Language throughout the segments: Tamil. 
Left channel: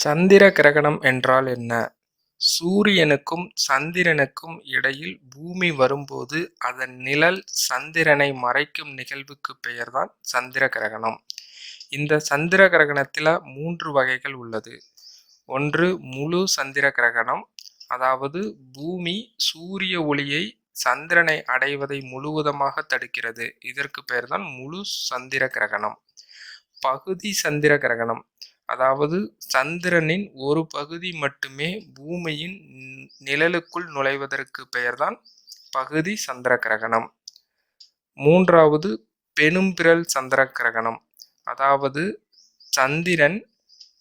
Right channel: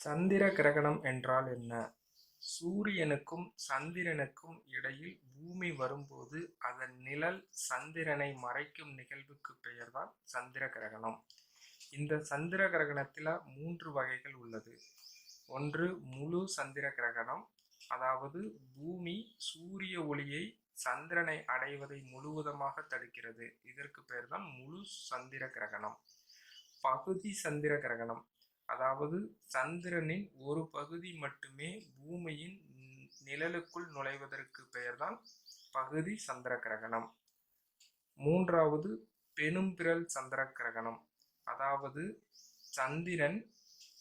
சந்திர கிரகணம் என்றால் என்ன? சூரியனுக்கும் சந்திரனுக்கும் இடையில் பூமி வரும்போது அதன் நிழல் சந்திரனை மறைக்கும் நிகழ்வுக்கு பெயர்தான் சந்திர கிரகணம். இந்த சந்திர கிரகணத்தில் மூன்று வகைகள் உள்ளது. ஒன்று முழு சந்திர கிரகணம் அதாவது பூமி சூரிய ஒளியை சந்திரனை அடைவதை முழுவதுமாக தடுக்கிறது. இதற்கு பெயர்தான் முழு சந்திர கிரகணம். பகுதி சந்திர கிரகணம் அதாவது சந்திரனின் ஒரு பகுதி மட்டுமே பூமியின் நிழலுக்குள் நுழைவதற்கு பெயர்தான் பகுதி சந்திர கிரகணம். மூன்றாவது பெனும்பிரல் சந்திர கிரகணம் அதாவது சந்திரன்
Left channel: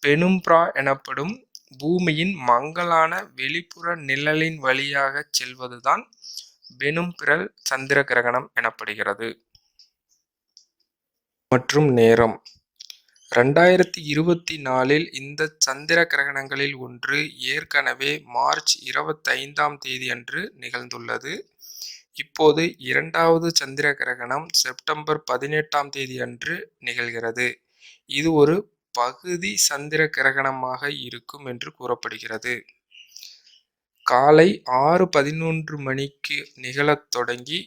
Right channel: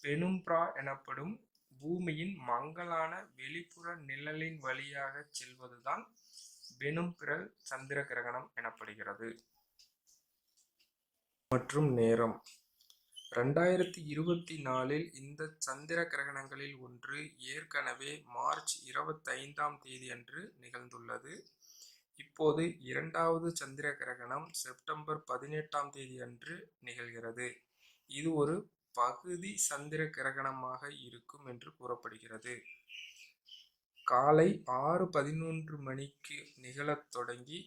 பெனும்பிரா எனப்படும் பூமியின் மங்கலான வெளிப்புற நிழலின் வழியாகச் செல்வதுதான் பெனும்பிரல் சந்திர கிரகணம் எனப்படுகிறது. மற்றும் நேரம் ரெண்டாயிரத்தி இருபத்தி நாலில் இந்த சந்திர கிரகணங்களில் ஒன்று ஏற்கனவே மார்ச் இருபத்தைந்தாம் தேதியன்று நிகழ்ந்துள்ளது. இப்போது இரண்டாவது சந்திர கிரகணம் செப்டம்பர் பதினெட்டாம் தேதியன்று நிகழ்கிறது. இது ஒரு பகுதி சந்திர கிரகணமாக இருக்கும் என்று கூறப்படுகிறது. காலை ஆறு பதினொன்று மணிக்கு நிகழத் தொடங்கி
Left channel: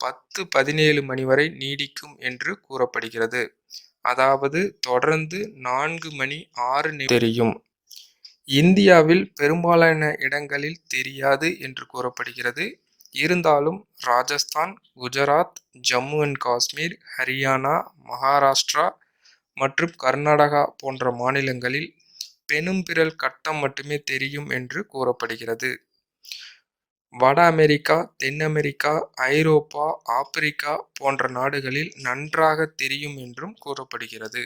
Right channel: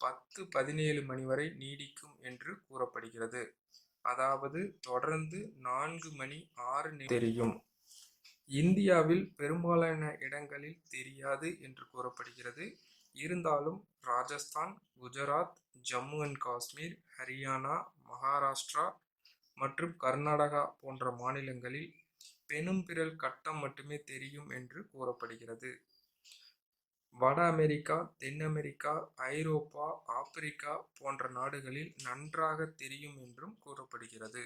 பத்து பதினேழு மணி வரை நீடிக்கும் என்று கூறப்படுகிறது. அதாவது தொடர்ந்து நான்கு மணி ஆறு தெரியும். இந்தியாவில் பெரும்பாலான இடங்களில் தெரியாது என்று கூறப்படுகிறது. இருந்தாலும் ராஜஸ்தான், குஜராத், ஜம்மு அண்ட் காஷ்மீர், ஹரியானா, மகாராஷ்டிரா மற்றும் கர்நாடகா போன்ற மாநிலங்களில் பெனும்பிரல் கட்டம் மட்டுமே தெரியும் என்று கூறப்படுகிறது. வட அமெரிக்கா, தென் அமெரிக்கா, ஐரோப்பா, ஆப்பிரிக்கா போன்ற நாடுகளில் நன்றாக தெரியும் என்றும் கூறப்படுகிறது.